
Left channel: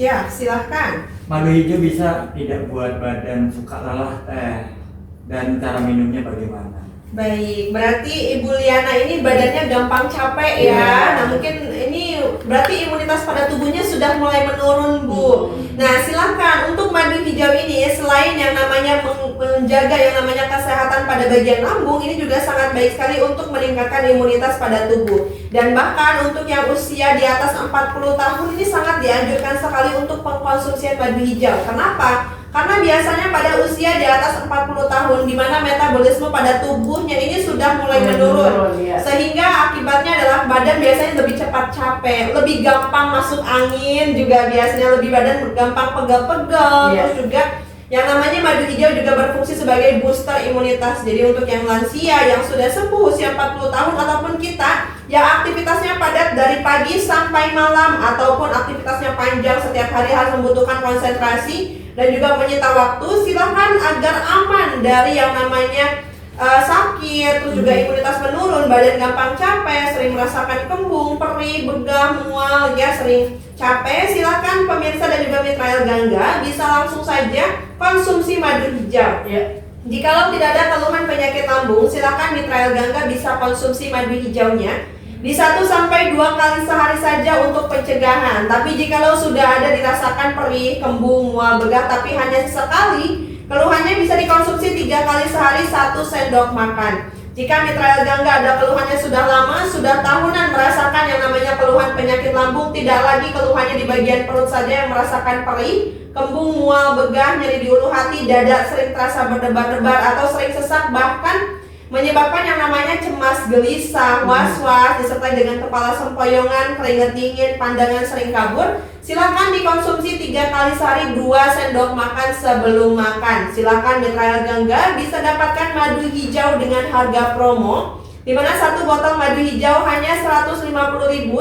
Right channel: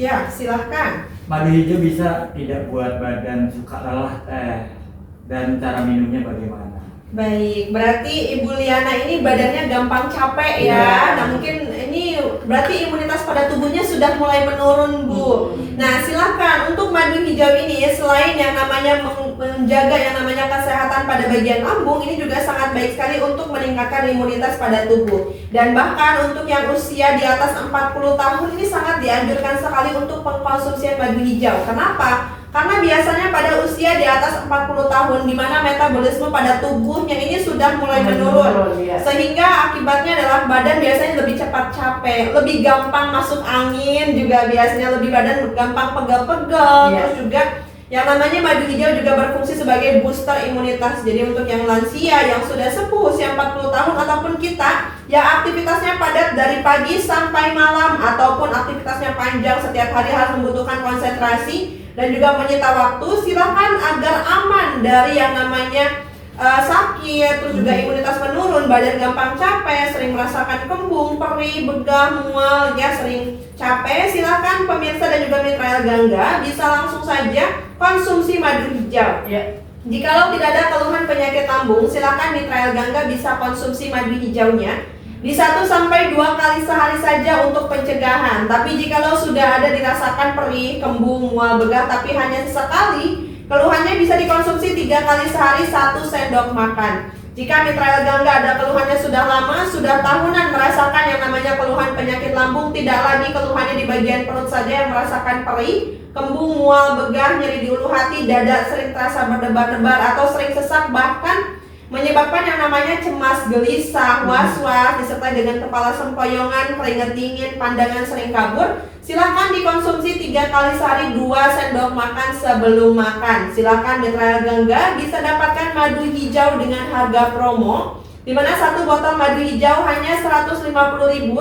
Ya, silahkan. Madu hijau bisa tidak buat badan suka lelah teh, dan cara minumnya bagaimana? Baik, berarti Ibu Liana ini badannya gampang capek ya. Nah mungkin ini berarti imunitas pada tubuhnya sudah mulai menurun Bu. Nah silahkan untuk madu hijau ini selain yang namanya menjaga yang namanya kesehatan pada bagian lambung, ini juga sangat baik sekali untuk meningkatkan imunitas pada tubuh. Dan bahkan untuk yang usia di atas 40 tahun ini sangat dianjurkan sekali untuk pengkonsumsian madu hijau. Kenapa? Karena biasanya pada usia di atas 40 tahun di mana metabolisme pada tubuhnya ini sudah mulai menurun, sehingga akibatnya adalah badan biasanya lebih cepat capek, lebih gampang masuk angin, juga biasanya lebih badan gampang pegel-pegel. Terus juga yang namanya madu hijau juga berfungsi sebagai booster imunitas. Jadi untuk yang lansia yang sudah sepuh usia 40 tahun ataupun kita yang aktivitasnya padat dari pagi sampai malam ataupun aktivitasnya panjang setiap hari harus membutuhkan konsentrasi dan juga menyita waktu, silahkan agar aman dari yang namanya sakit, terus juga imunitas menurun, badan gampang capek, sering merasakan kembung, perih, begah, mual, ya sering capek, silakan pemirsa dan juga mitra Gangga bisa langsung saja konsumsi madu hijau. Ya. Jikalau tidak ada keluhan penyakit lambung, silakan mitra Gangga bisa konsumsi madu hijaunya di 1 sampai 2 kali sehari saja untuk pencegahan. Tapi jikalau sudah ada dirasakan perih, kembung, mual, begah tapi hanya sesekali, keluhannya bisa dikonsumsi 3 kali sehari 1 sendok makan. Jika mitra Gangga ada keluhannya sudah lama, sudah tahunan merasakan yang namanya keluhan penyakit lambung, tidak lagi keluhannya di bagian perut saja yang merasakan perih, kembung, mual, begah, nyeri di ulu hati, dada sering terasa berdebar-debar atau sering sesak, bahkan menyebabkan yang namanya cemas, gelisah, was-was, disertai dengan kepala sempoyongan, keringat dingin, pandangan sering kabur, silakan dikonsumsi 3 kali sehari 2 sendok makan sebelum makan. Silakan mitra Gangga bisa dapatkan madu hijau dengan harga promo, di mana 1 botol madu hijau hanya 150.000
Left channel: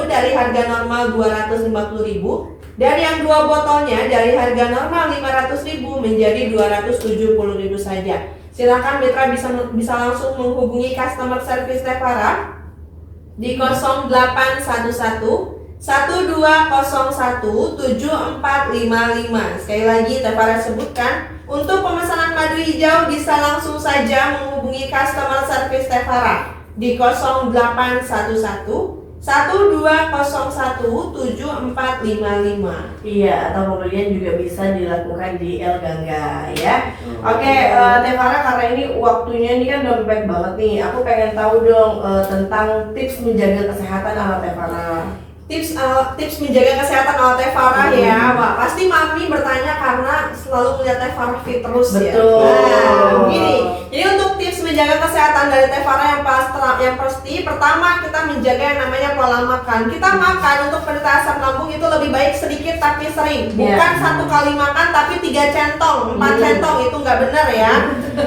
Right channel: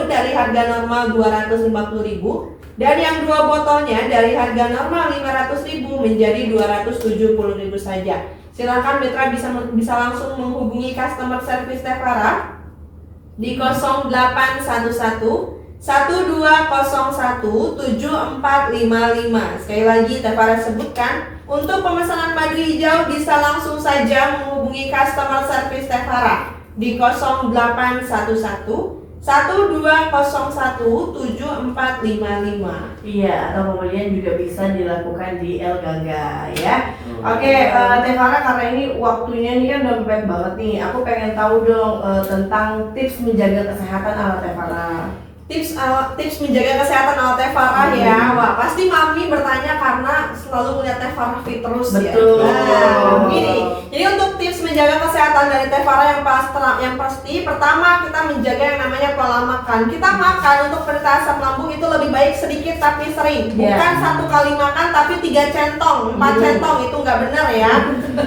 dari harga normal 250.000, dan yang 2 botolnya dari harga normal 500.000 menjadi 270.000 saja. Silakan mitra bisa langsung menghubungi customer service Tevara di 0811 1201 7455. Sekali lagi Tevara sebutkan, untuk pemesanan madu hijau bisa langsung saja menghubungi customer service Tevara di 0811 1201 7455. Iya, atau pembelian juga bisa dilakukan di El Gangga ya. Oke, Tevara, karena ini waktunya ini kan udah mepet banget nih. Aku pengen tahu dong tentang tips menjaga kesehatan ala Tevara. Tips menjaga kesehatan ala Tevara ya. Wah, pasti mami bertanya karena selalu melihat Tevara fit terus. Betul. Ya. Nah, begini. Jadi untuk tips menjaga kesehatan dari Tevara yang pasti pertama kita menjaga yang namanya pola makan. Kita makan untuk penderita asam lambung itu lebih baik sedikit tapi sering. Bukan 1 kali makan tapi 3 centong, 4 centong, itu nggak benar ya.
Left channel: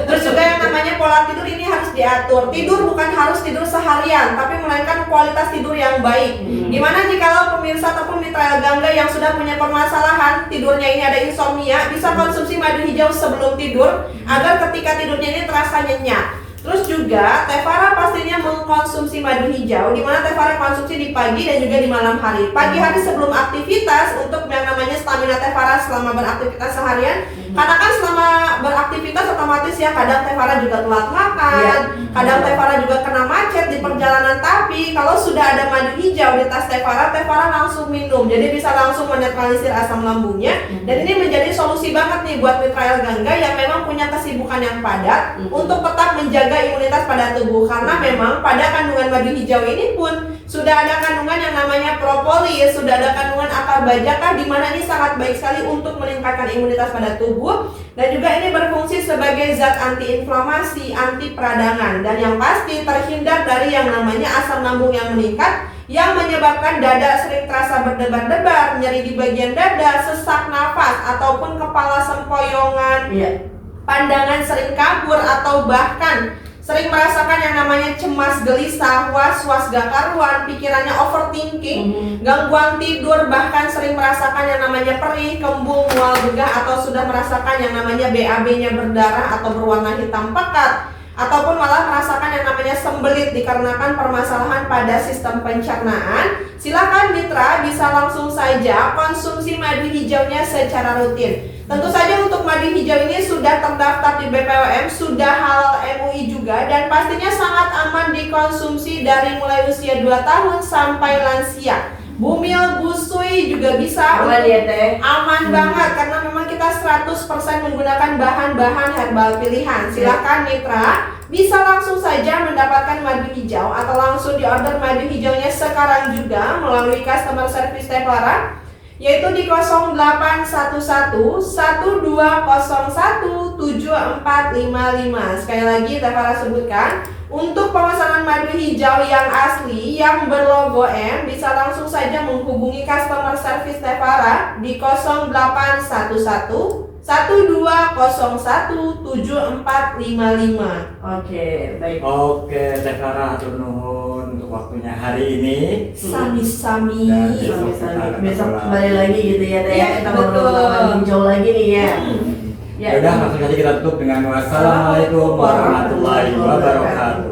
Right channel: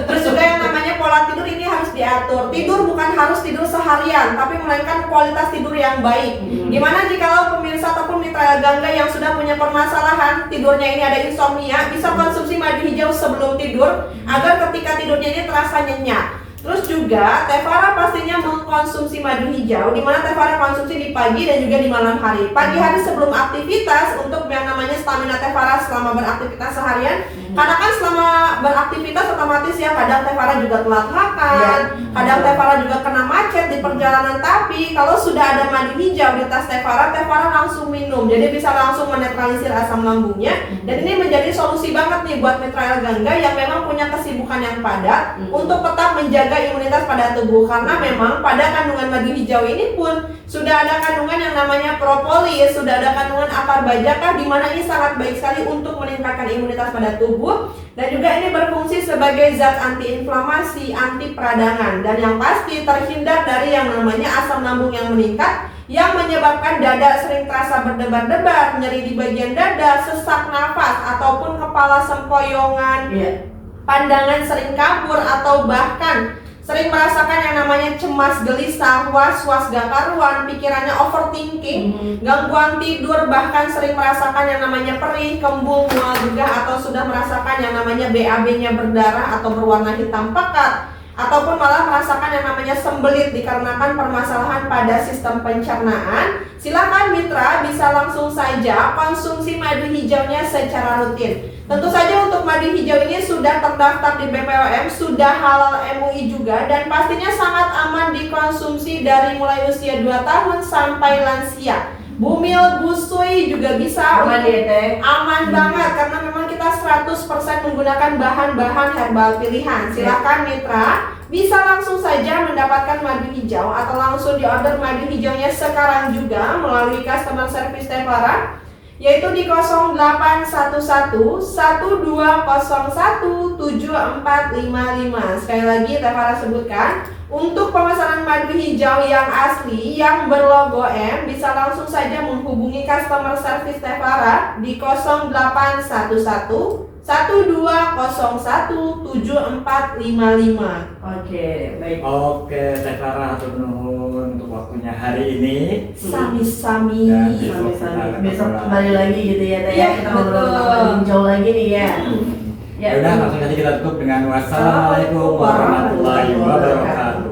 Terus juga yang namanya pola tidur ini harus diatur. Tidur bukan harus tidur seharian, tapi melainkan kualitas tidur yang baik. Gimana jikalau pemirsa ataupun mitra Gangga yang sudah punya permasalahan tidurnya ini ada insomnia, bisa konsumsi madu hijau sebelum tidur agar ketika tidurnya ini terasa nyenyak. Terus juga Tevara pastinya mengkonsumsi madu hijau, di mana Tevara konsumsi di pagi dan juga di malam hari. Pagi hari sebelum aktivitas untuk yang namanya stamina Tevara selama beraktivitas seharian. Karena kan selama beraktivitas otomatis ya kadang Tevara juga telat makan, kadang Tevara juga kena macet di perjalanan. Tapi kalau sudah ada madu hijau di tas Tevara, Tevara langsung minum, jadi bisa langsung menetralisir asam lambungnya. Dan ini menjadi solusi banget nih buat mitra Gangga yang memang punya kesibukan yang padat untuk tetap menjaga imunitas pada tubuh, karena memang pada kandungan madu hijau ini pun sudah ada kandungan yang namanya propolis, sudah ada kandungan akar bajaka, di mana ini sangat baik sekali untuk meningkatkan imunitas pada tubuh, dan juga ini berfungsi sebagai zat antiinflamasi, anti peradangan, dan yang pasti terhindar dari yang namanya asam lambung yang meningkat yang menyebabkan dada sering terasa berdebar-debar, nyeri di bagian dada, sesak nafas ataupun kepala sempoyongan. Pandangan sering kabur atau bahkan sering merasakan yang namanya cemas, gelisah, was-was gak karuan, pikirannya overthinking, gangguan tidur, bahkan sering merasakan yang namanya perih, kembung, mual, begah, atau sudah merasakan yang namanya BAB-nya berdarah atau berwarna hitam pekat, ataupun malah merasakan yang namanya sembelit dikarenakan permasalahan pada sistem pencernaan. Silakan mitra bisa langsung saja konsumsi madu hijaunya secara rutin. Tentu saja untuk madu hijau ini sudah terdaftar di BPOM, sudah halal MUI juga, dan pastinya sangat aman dikonsumsi dari mulai usia 2 tahun sampai lansia. Bumil, busui juga bisa. Aman ya Teh? Aman banget, karena memang kita 100% menggunakan bahan-bahan herbal pilihan. Silakan mitra bisa langsung saja mendapatkan madu hijau atau langsung diorder madu hijaunya sekarang juga melalui customer service Tevara, yaitu di 0811 1201 7455. Sekali lagi Tevara sebutkan, untuk pemesanan madu hijau yang asli yang berlogo M bisa langsung saja menghubungi customer service Tevara di 0811 1201 7455. Oke, baik. Oke, Tevara hatur nuhun untuk waktunya hari ini. Sami-sami. Sami-sami. Besok kembali lagi gitu ya Teh. Iya, Kita ngobrol betul. tentang hijau lagi nih ya. Ya. Ya udah langsung saja kita tutup dengan wassalamualaikum warahmatullahi wabarakatuh.